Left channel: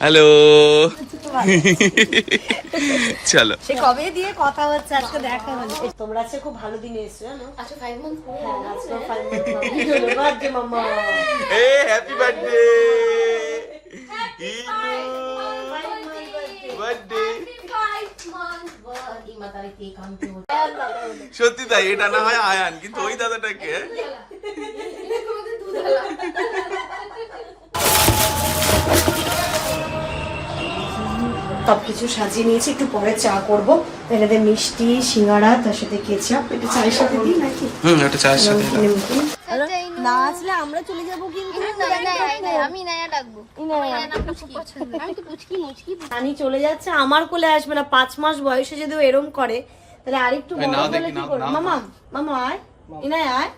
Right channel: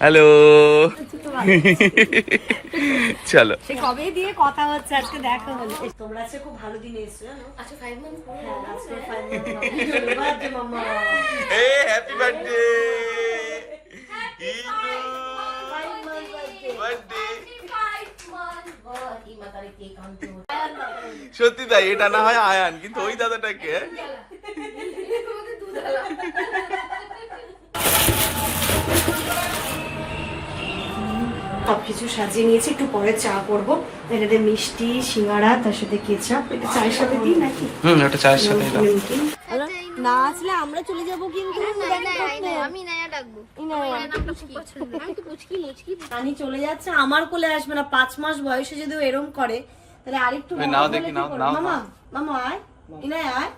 Hello চলো। সে কবে দিয়ে কথা হচ্ছে? আজকে দেখা হলো। তোমরা আজকে খুব ভালো দিনে এসছো জানো? আচ্ছা মান্থ হ্যাঁ, আজকে মাম্মা। এ হ্যাপি বার্থডে বার্থডে সত্যি তাই এটা না হয় আয়ান কিন্তু ওই দাদাটাকে সবকিছু সাজিয়ে নিয়েছি। একটু পরে চা করব। এটাতে মিষ্টি সিঙ্গারা তার সাথে কেচাপ এটা চায়ের সাথে দিই নাকি? হুম ওটা চায়ের সাথে না আসলে আমরা চলে যাব কিন্তু আমি নায়া ডাকবো। নায়া আমি তো পুচকি মুচকি। নানি চলে যাচ্ছে আমার কোলে আসবে না। পাঁচ মাস বয়সে যদি এরম করে তাহলে আরেকটু মামা মামা আয়। ইনায় আয়।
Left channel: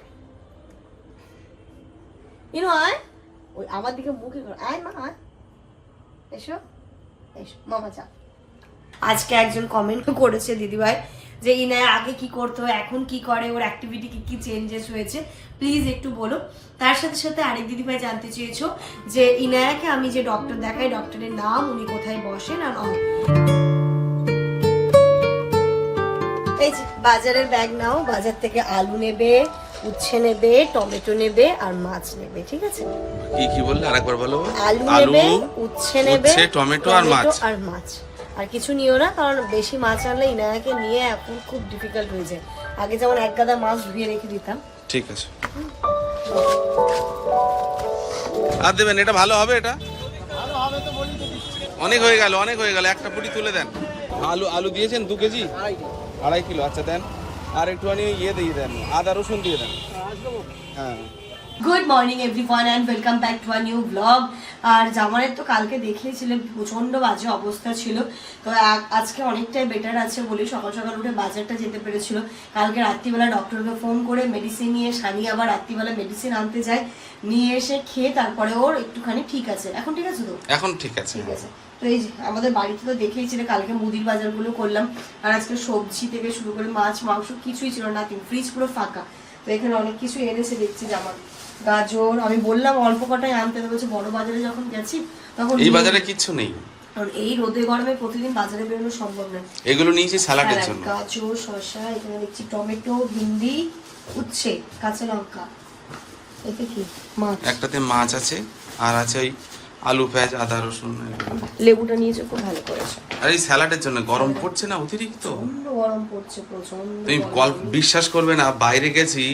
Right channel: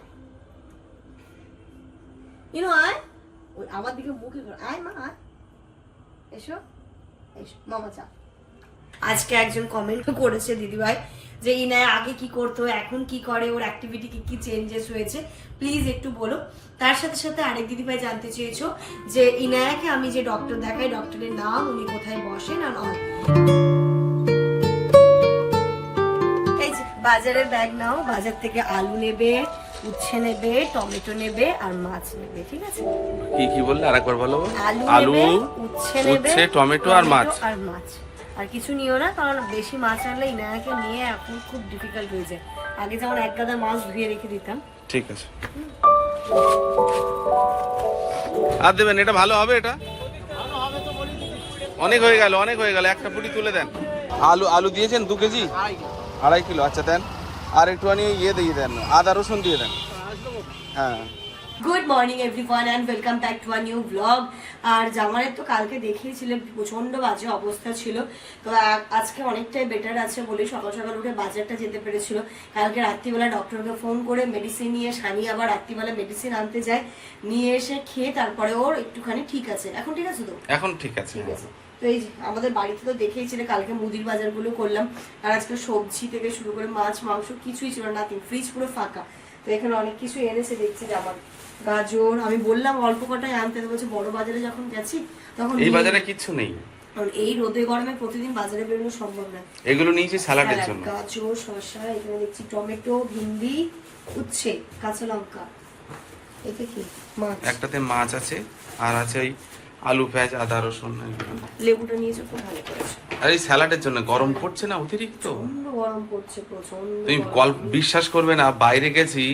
ইনো আয়। ওই আমার দিকে মুখে আয় মা আয়। এসো। মামা চা আজকে একজন কমেন্ট করেছে দিদিভাই যে, ইনায় আগে কি করতো, এখন কি করে, ওর অ্যাক্টিভিটি কি কি চেঞ্জেস হয়েছে। প্লিজ একটু বলো। তার সাথে সাথে আরেক দিদিভাই জানতে চেয়েছো যে, ইনায়াকে আমি যে ডক্টর দেখাই ডক্টরের নাম, উনি কোথায় বসেন আর অল বাজারের ব্যাগ নাও, বাজার থেকে আলু নেবে উচ্ছে নেবে টমেটো নেবে আর মাছ নেবে ঠিক আছে? কি কি বললে? আরেকবার বলো। আলু আলু উচ্ছে নেবে উচ্ছে টমেটো আর মাছ। আর মাছ। আর কিছু নিও না কারণ বেশি মাছ আনলে ইনায়াকে নিয়ে এখন খুব ডিফিকাল্ট হয়ে যায়। আগে যেমন এক গাদা মাছ ধুয়ে রেখে দিতাম। ঠিক আছে। আর দেবেন এটা ভালো হবে এটা? অনেক হয়ে গেল অনেক হয়ে গেল। একটা পুরি তুলে দেন। আলু আলু দিয়েছেন দু কেজি? আড়াই কিলো আচ্ছা দেন। আর একটুখানি ইয়ে দিয়ে দেন আদা রসুন দিয়ে দেন। হ্যাঁ। Good morning everyone and welcome back to a new blog আর জামানের তো কালকে দেখিয়েছিলেন প্রচণ্ড বাজে অবস্থা ছিল। তো আজকে অনেকটাই বেটার আছে বলে সকাল সকাল উঠে বাজারটা যেতে পেরেছিল। কালকে রাত্রিবেলা ডক্টরকে ফোন করে মেডিসিন নিয়ে সানি আবার রাত্রিবেলা মেডিসিন আনতে যায়। নিয়ে এসে খেয়ে তারপরে ওর একটুখানি ঠিক আছে। এখন ঠিক আছে তো? এখন ঠিক আছে। ঠিক আছে। এই আমাদের বাড়িতে তো দেখিয়েছিল কালকে মুদির বাজারগুলো করলাম আর আজকে সবজি থেকে শুরু করে মাছ মাংস কিছুই ছিল না ফ্রিজ পুরো ফাঁকা। তো এখানে অনেক কিছু এনেছে দেখছি আমার গাজর আমি বললাম অল্প কটাই আনতে বলছে বড় বাজারে যখন গেছি তখন এই বাজারে কিচ্ছু নেই। এই রোদে গরমে প্রতিদিন বাজারে বেরোনো সম্ভব নয় এগুলো নিয়েছি স্যালাডের জন্য। গাজর শসা এখানে দেখছি টমেটো ভিন্ডি উচ্ছে কাঁচা লঙ্কা। এটা কি? মাছ। একটাতে মাছ আছে আর আছে ওই আলু পেঁয়াজ আদা রসুন। লেবুটা নিয়েছে খুব ভালো করেছে। আর এই স্যালাডের জন্য গরম পড়ছে না অতিরিক্ত? গরম পড়ছে প্রচণ্ড তুমি। গল্প বিশ্বাস করবে না বাইরে গেছি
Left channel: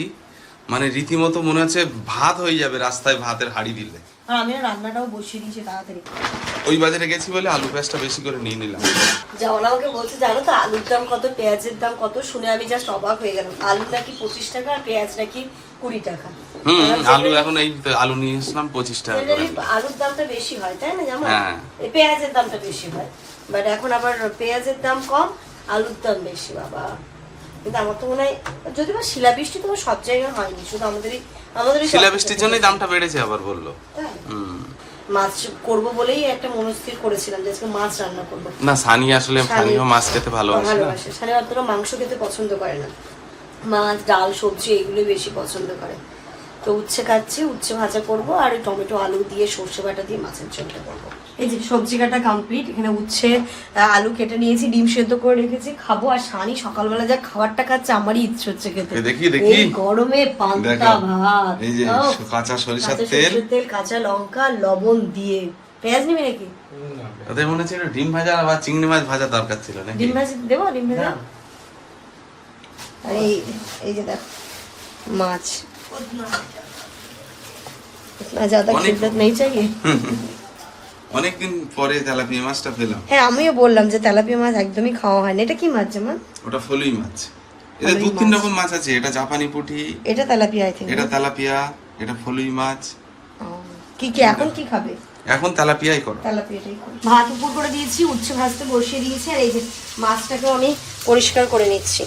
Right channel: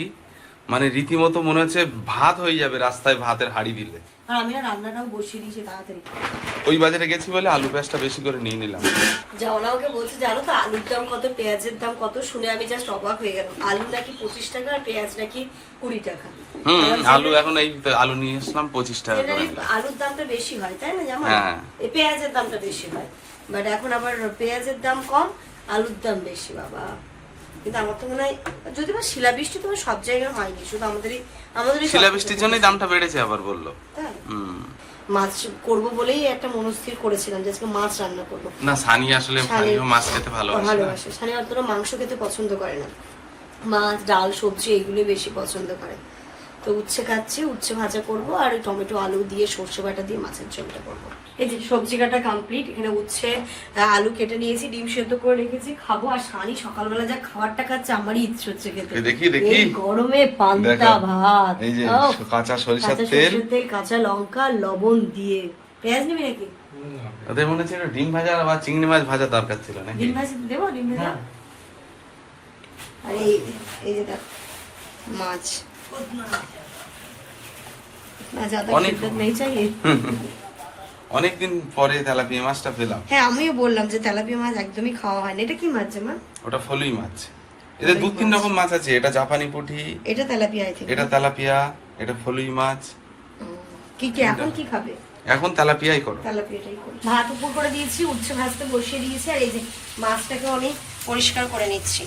মানে রীতিমতো মনে হচ্ছে ভাত হয়ে যাবে রাস্তায় ভাতের হাড়ি দিলে। আমি রান্নাটাও বসিয়ে দিয়েছি তাড়াতাড়ি। ওই বাজারে গেছি বলে আলু পেঁয়াজটা বেশি করে নিয়ে নিলাম। যেমন আমাকে বলছে জানো তো আলুর দাম কত পেঁয়াজের দাম কত? শুনে আমি জাস্ট অবাক হয়ে গেলাম। আলু নাকি পঁচিশ টাকা আর পেঁয়াজ নাকি কুড়ি টাকা। হুম আলু এখন এই তো আলু নিয়ে এসলাম পঁচিশ টাকা করে আলুর দামটা বেশি হয় তাই না যেমন। এই পেঁয়াজের দামটা বেশি বাট এখন আবার পেঁয়াজের দাম কম আলুর দাম বেশি বাবা। কিন্তু আমার তো মনে হয় যদি বা শিলাবৃষ্টি তো সব জায়গায় হয়নি শুধু আমাদেরই আমাদেরই শিলাবৃষ্টির জন্যই দামটা বেড়েছে আবার বলল? হুম। মাছ করব বলেই একটা মনস্থির করেছিলাম যে আজকে মাছ রান্না করব। না সানি আসলে মাছ খেতে ভালোবাসে ভালোবাসে। সানি অতটা মাংস খেতে পছন্দ করে না। মাছ ডাল সবজি এগুলো বেশি পছন্দ করে। তো উচ্ছে খাচ্ছি উচ্ছে ভাজা করব আর টমেটো আলু দিয়ে সর্ষে বাটা দিয়ে মাছের ঝোলটা করব। এই যে সবজি কাটা কমপ্লিট এখানে উচ্ছে আলু কেটে নিয়েছি ডিম সেদ্ধ করে রেখেছি খাব আর সানি সকালবেলা যা খাবারটা খাচ্ছে আমারই ইচ্ছে হচ্ছে খেতে। দেখি, দেখি। গরমে পান্তা ভাত এই যে কাঁচা সরিষার তেল। তেল কাঁচা লঙ্কা লবণ দিয়ে। পেঁয়াজ নিবি নাকি? ওদের মনে হচ্ছে ডিম ভাজা বা চিংড়ি মাছ ভাজা দরকার ছিল নাকি? ডিম ভাজা দেবো ডিম ভাজা? মাছ। অনেকদিন পরে তেলাপিয়া মাছটা পেলাম। হ্যাঁ আমিও বললাম যে তেলাপিয়া মাছ একদমই খাওয়া হয় না এটা কি মাছ জামা ওটা ফলুই মাছ। এটা দু তিন রকম মাছ আছে। এটা জাপানি পুঁটি এটা তেলাপিয়া আই এটা তেলাপিয়া এটা ফলুই মাছ। কি কি এখন কি খাবে? এখন তেলাপিয়াই করো। তেলাপিয়াটাই করো। ভাত উপর করে দিয়েছি উচ্ছে ভাজতে বসিয়ে দিয়েছি আর এই যে মাছটাকে অনেক পরিষ্কার করে নিচ্ছি।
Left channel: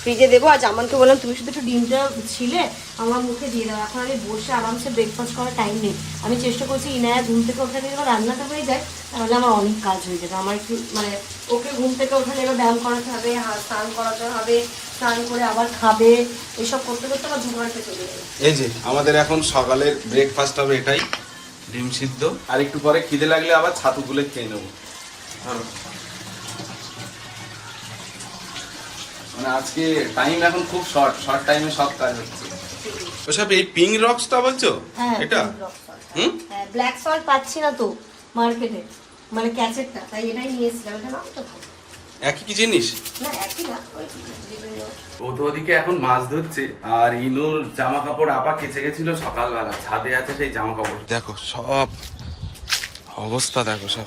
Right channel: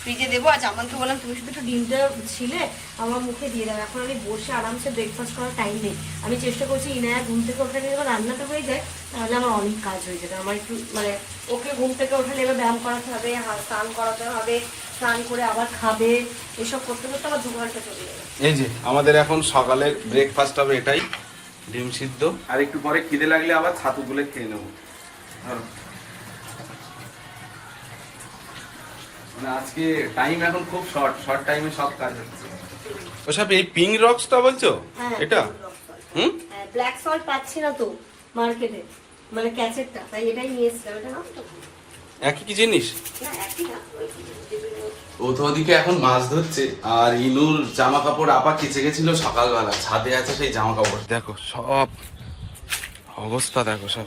ফ্রিজে দেবো। আর জামানকে বললাম তুমি শুধু একটু ডিমটা ছিলে আমার মুখে দিয়ে দাও। এখন আমি বসে আরামসে ব্রেকফাস্ট করার টাইম নেই। আমি চেষ্টা করছি ইনায়া ঘুম থেকে ওখানে যখন রান্নাটা হয়ে যায় তাহলে আমার অনেক কাজ হয়ে যাবে। আমার একটু মানে ওকে ঘুম থেকে ওখানে এবার ব্যায়াম করাতে হবে হাত স্নান করাতে হবে স্নান করে আবার খাবে এসব করতে করতে আমার দু ঘণ্টা চলে যাবে। এই যে আমাদের এখন সকালের ব্রেকফাস্ট হবে এটাই ডিম সিদ্ধ। আর একটু পরে খিদে লাগলে আবার ছাতু গুলে খেয়ে নেব ধরো। মানে আজকে টাইম এখন খুব শর্ট শর্ট টাইমে সব কাজ হচ্ছে। ওসব এই পিঙ্ক রক্সটা বলছো? হ্যাঁ, এটা? হুম? ব্ল্যাক সল্ট পাচ্ছি না তো মার্কেটে মানে তাই এটাই নিয়ে এসেছিলাম। এটা। একই কি জিনিস? ও তো ওদিকে এখন মাছ ধরছে আর ইনুর জামা কাপড় আপা কেচে গেছিল সকালবেলা ছাদে আছে সেই জামা কাপড় দেখো সব অবস্থা দেখো সব.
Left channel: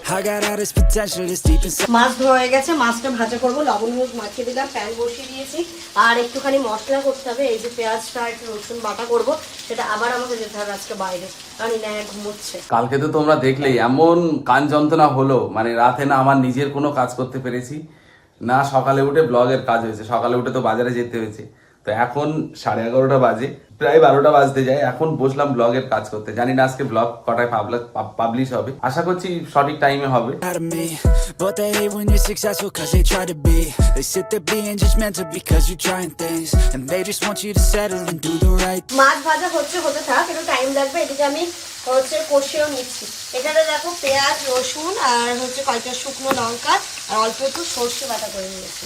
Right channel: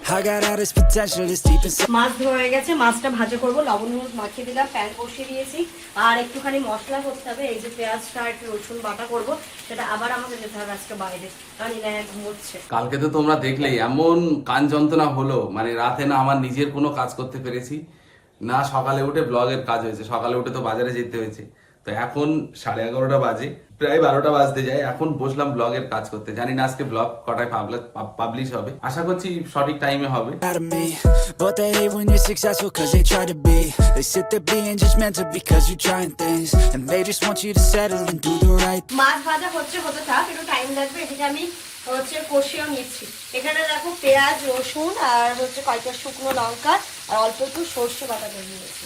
মাছ ধোয়া হয়ে গেছে মাছটা ভাজা করব লবণ হলুদ মাখিয়ে দিলাম প্যান বসিয়ে দিয়েছি। আর একটুখানি মশলা করতে হবে এই যে পেঁয়াজটা আর একটু রসুন বাটা করব সেটা আবার আমাকে যেতে হবে আজকে বাইরে। কারণ ইনায়া ঘুমোচ্ছে। কালকে তো তোমরা দেখলেই এমন কান যন্ত্রণা হলো মানে রাতে না আমার নিজের কোনো কাজ করতে পেরেছি না সকালে উঠে ব্লগের কাজ হয়েছে সকালে উঠে তো বাজারে যেতে হয়েছে। তো এখন সাড়ে এগারোটা বাজে প্রায় বারোটা বাজতে যায়। এখন বসলাম ব্লগের কাজ করতে। জানি না আজকে ব্লগ কটায় পাবলিশ হবে। আশা করছি সঠিক টাইমে হবে। মাছ ভাজা হচ্ছে হতে থাক একটু টাইম লাগবে। এদিকে আমি হচ্ছে কষিয়েও নিচ্ছি। এখানে দেখো পেঁয়াজ রসুন আর হচ্ছে কয়েকটা শুকনো লঙ্কা আর অল্প একটু সর্ষে বাটা করে নিয়েছি।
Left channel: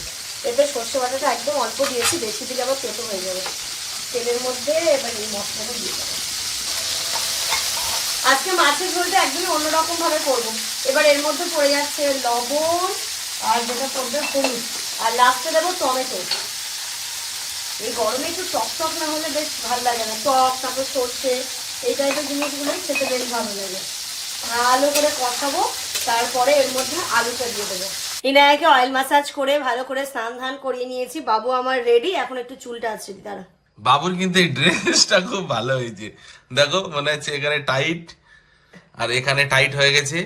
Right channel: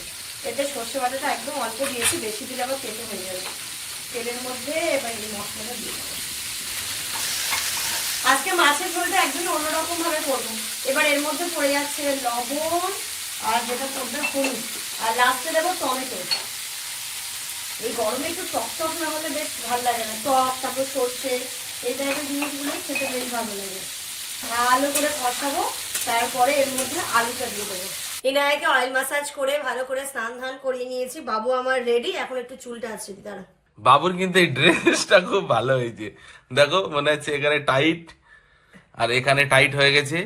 এতে সর্ষে বাটাটা একদম অল্প দিয়েছি, বেশি দিলে আবার তেতো হয়ে যাবে। তেলের মধ্যে এবার এই মশলাটা দিয়ে দেবো। আজকে মাছের ঝোলটা একদমই অন্যরকম ভাবে করব। এবার এর মধ্যে পড়ে যাচ্ছে লবণ আর যেটা পড়বে হলুদ। আর লাস্টে দেবো টমেটো। এই গরমে একটু টক টক না হলে বেশ ভালো লাগে না। টক, তারপর সর্ষে, এই টাইপের জিনিসগুলো খেতে বেশ ভালো লাগে। ভালো করে কষাবো, তারপরে এর মধ্যে আলুটা দিয়ে দেবো। ইনায়াকে অয়েল ম্যাসাজ করে ভালো করে স্নান ধান করিয়ে নিয়েছি। বাবু আমার রেডি এখন একটু চুলটা আছে তারা বাবুর কিন্তু এই ড্রেসটা খুব ভালো হয়েছে। দেখো মনে হচ্ছে এখানে টাইট আর এখানে টাইট হয়ে গেছে।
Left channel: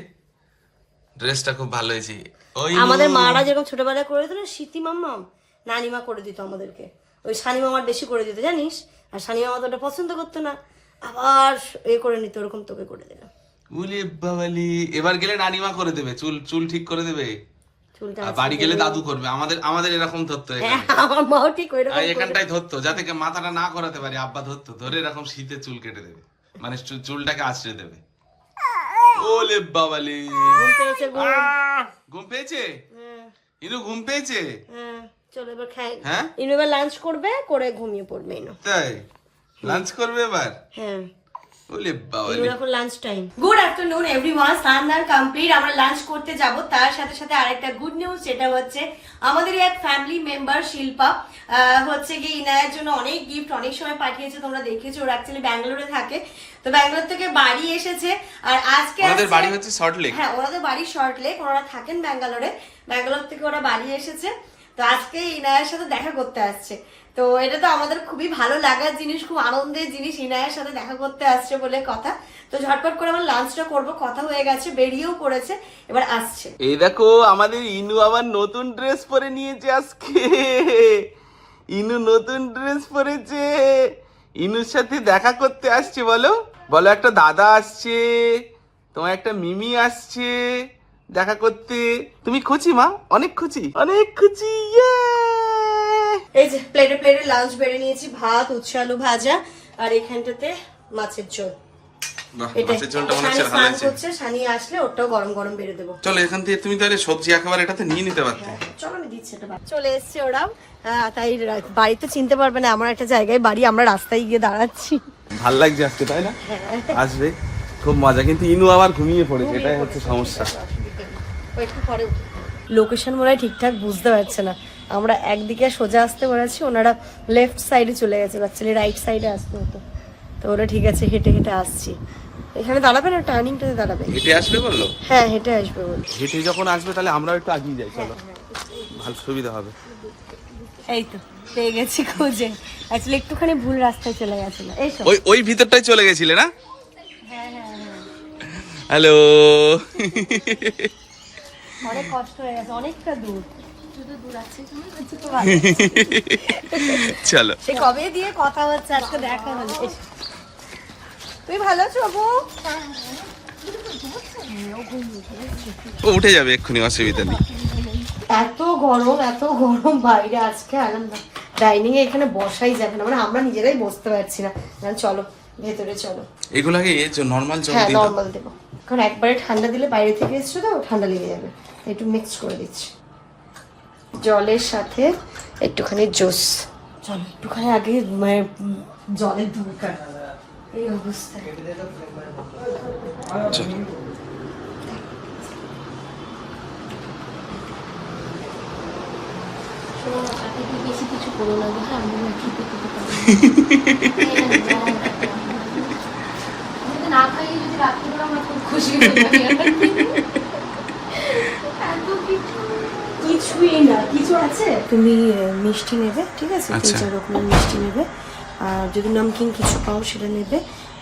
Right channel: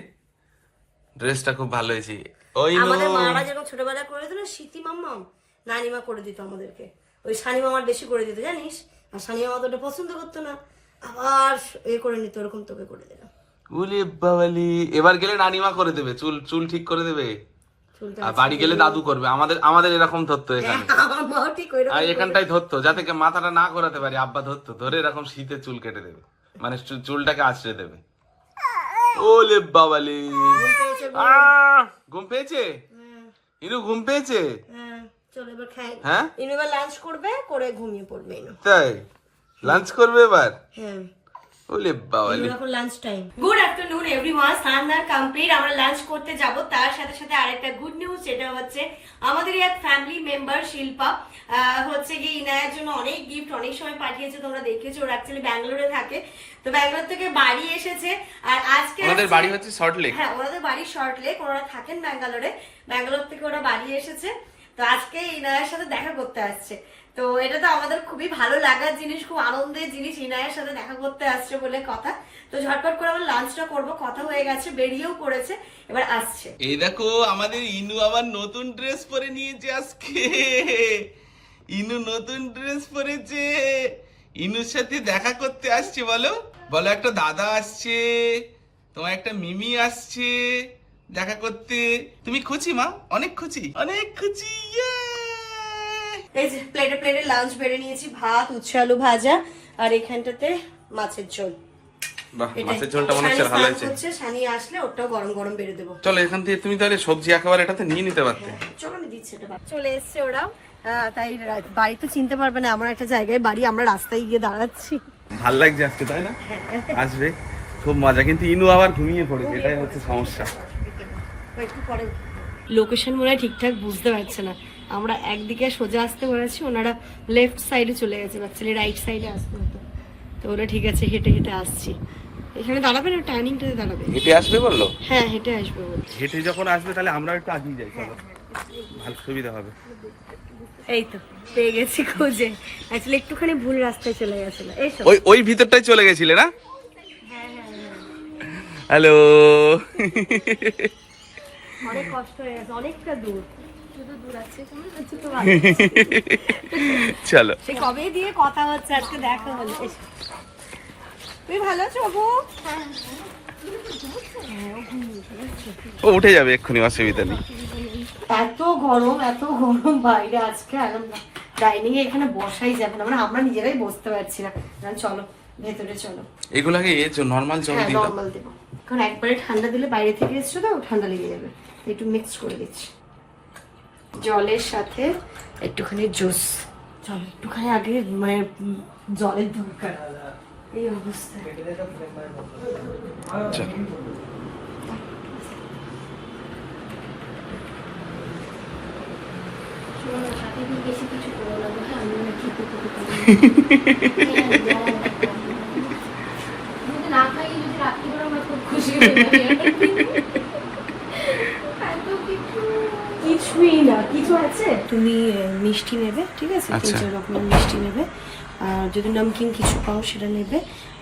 ড্রেসটা খুব ভালো হয়েছে। ওই। আমাদের মারা যেরকম ছোটবেলায় করে দিত না স্মৃতি মাম্মাম নানিমা করে দিত আমাদেরকে। ওই শানি মামার বেশি করে দিত জানিস? আর শানি মামা তো ওটা পছন্দ করতো না। আবার এ করে নিত ওরকম তোকে করে দিলাম। উলে বাবালি এবার গেলে নানিমা করে দেবে। চুল চুল ঠিক করে দেবে। আর বাড়ি গেলে দাদু করবে। আমাদের আমাদের এরকম ধরতো এখানে। ওই আর এখানটাই ধরতো যাতে মাথাটা না করাতে পারি আব্বা ধরতো ধরে এরকম শীতে চুল কেটে দেবে। মানে চুলটাকে আঁচড়ে দেবে। ওলে বাবালি! ঘুম পেয়েছে হ্যাঁ, ইনু ঘুম পেয়েছে? হ্যাঁ, চলো এবার খাই। হ্যাঁ? ইনু এবার লাঞ্চ করবে করে ঘুমিয়ে পড়বে ইনু। তাই? লাঞ্চ করবে এবার? হ্যাঁ। ওলে বাবালি এখন lunch time good afternoon everyone স্নান দান কমপ্লিট আমরা লাঞ্চ করতে যাব। তার সাথে সাথে আরেকটা গুড নিউজ সেটা হচ্ছে আমাদের এক ফ্যামিলি মেম্বার শিল্পা হচ্ছে কি ইনায়ের জন্য অনেক গিফট অনেক সময় পাঠিয়েছে। তোমরা দেখেছ ওরা অ্যাকচুয়ালি ব্যাঙ্গালোরে থাকে। তো ব্যাঙ্গালোর থেকে বাড়ি এসেছে। আর আজকে আমাদের বাড়ি হচ্ছে সল্ট লেক হ্যাঁ ওনাদের বাড়ি শর্ট লেক ওনারা থাকেন ব্যাঙ্গালোরে। ব্যাঙ্গালোর থেকে ওরা বাড়ি এসেছে। তো আজকে ইনায়ের সাথে দেখা করতে আসছে। তো এটা তো আমাদের খুবই ভালো লাগার জিনিস খুব আনন্দের জিনিস। ইনায়ের সাথে দেখা করতে আসছে বলে কথা। তো ঝটপট করে আমরা লাঞ্চটা করব। কথা হয়ে গেছে বেরিয়েও পড়েছে এবার আসছে। এই দেখো আমাদের ইনু আবার নতুন ড্রেস পরে নিয়েছে আজকে। ইনু নতুন ড্রেস পরেছে। ইনুর সাথে দেখা করতে আসছে বলো। বলো একটা দাদা আসছে। তোমার একটা মিমি আসছে দেখা করতে। তুমি খুশি মা? অনেক খুশি অনেক খুশি ইয়ে! এই যে প্লেটে প্লেটে লাঞ্চ বেড়ে নিয়েছি ভাত উচ্ছে আলু ভাজা আর এখানটাতে মাছের ঝোল। মাছের ঝোলটা মনে হচ্ছে ভালো হয়েছে সানি আসলে ওটাও গরম গরম বেড়ে দেবো। চলো এখান থেকে তুমি তাহলে সবজি একেবারে এটাতে নিয়ে নিতে পারতে। চলো আমি দিচ্ছি এটা চলে এসছে ওরাও আহ, তাই রা- বাড়ি তো চিনতে পারবে না এমন একটা জায়গায় বাড়ি আমরা রাস্তায় গিয়ে দাঁড়াচ্ছি। ভালো লাগছে আজকে তাই না? আসবে। খুব মজা কিন্তু ইনু আবার ঘুমিয়ে পড়েছে এটাই হচ্ছে সমস্যা। লোকেশন মনে হয় ঠিকঠাক বুঝতে পারছে না। আমরা একদিকে সোজা আসতে বলেছি ওনারা লেফট সাইডে চলে গেছে অ্যাকচুয়ালি রাইট সাইডে আসতে হতো। তো ওরা ঠিক আছে হেঁটে হেঁটে আসছি। এখানে দাঁড়াবে না টার্নিংটাতে দাঁড়াবে হেঁটে আসবে বলল? হ্যাঁ হেঁটে আসবে বল হেঁটে যখন আসবে তাহলে আমরাও একটু আগিয়ে যাই চলো। ভালো সুবিধা হবে। এই তো পেয়ে গেছি খুঁজে। অ্যাকচুয়ালি একটুখানি ভুল রাস্তায় চলে গেছিল। এই ওই ওই ভিতরটাই চলে গেছিলে না? হ্যালো। অনেক কষ্ট হয়ে গেছে অনেকটা দূর। চলো। সে কবে দিয়ে কথা হচ্ছে আজকে দেখা হলো। তুই ভালো আছো বাবু ও উঠে যাবে এক্ষুনি অসুবিধা নেই। এত গরম এত গরম বাইরে আজকে আর ডাইনিং এ এখানে বসাই যাবে না মানে আমরা নিজেরাই বসতে পারছি না। চলো ভেতরে চলো। এগুলাকে নর্মাল জল হ্যাঁ দাও। নর্মাল দেবো। কারণ একবারে ঠান্ডা দিলে বাইরে থেকে এসছো তো ঠান্ডা লেগে যাবে। একটু মিক্স করে দিচ্ছি। জলের সাথে একটুখানি জুস চল একটুখানি আগে মানে জলের দরকার এই অবস্থায় চল শোনো তো, সাথে কি বেশি কিছু করো না, বুঝলে? আমি ঠিক করতে পারি না। আমি তো না খাইয়ে যদি রাখতে পারো, খুশি হয়ে যাবে। এত কিছু। কিছুই না কিছু আছে? তুমি মিষ্টি নেবে ঠিক আছে? তিন আচ্ছা। চার রকমের মিষ্টি নেবে। আর যদি নামকিন কিছু পাও সেটা নেবে।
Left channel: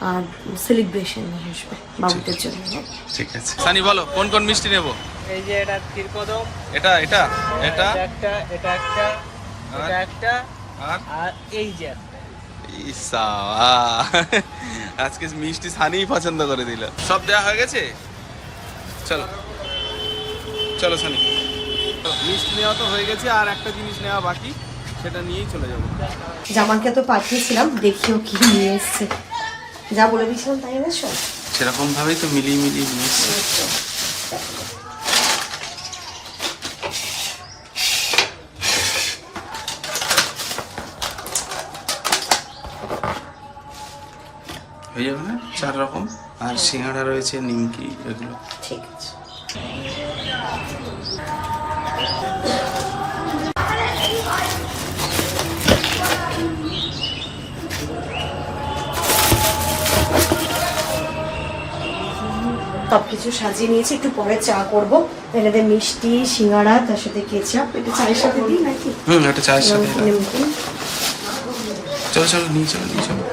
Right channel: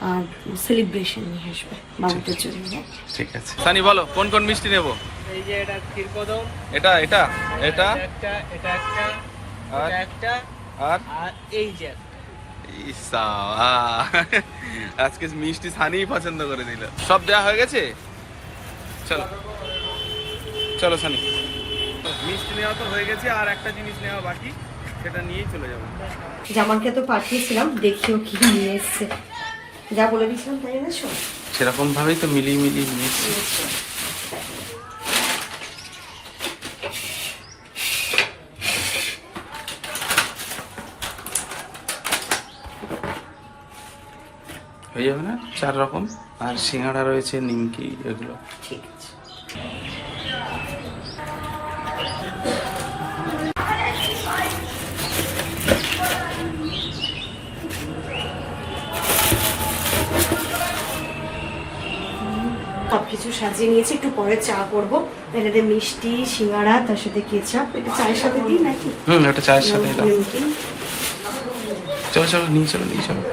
আর সেলিব্রেশন নিয়ে আসবে বাবুদের জন্য হ্যাঁ? ঠিক আছে। সানি বলো কোন কোন মিষ্টি নেব? এই যে এটা ক্ষীরকদম এটা এটা এটা। একটা এটা একটা আর? একটা। আর? আর এই যে। ইসা আজকে মিষ্টি সানিই পছন্দ করে দিল। সব দেওয়া হয়ে গেছে? চলো। চলো সানি। মিষ্টি নেওয়া তো হয়ে গেছে আর একটা জিনিস নেওয়া বাকি সেটা নিয়েই চলে যাব। জামানকে তো পাঠিয়েছিলাম দেখিও কি নিয়ে এসছে। যা বলে দিয়েছিলাম তাই না শোন সেরকম ভাবেই তো মিলিয়ে মিলিয়ে নিয়েছি। হয়ে যাবে না? চার রকম। আর সিঙ্গাড়া রয়েছে নিমকি এগুলো। ঠিক। সব কিছু সাজিয়ে নিয়েছি। একটু পরে চা করব। এটাতে মিষ্টি সিঙ্গাড়া তার সাথে কেচাপ। এটা চায়ের সাথে দিই নাকি? হুম ওটা চায়ের সাথে দাও। চলো চলো নিয়ে চলো নিয়ে চলো।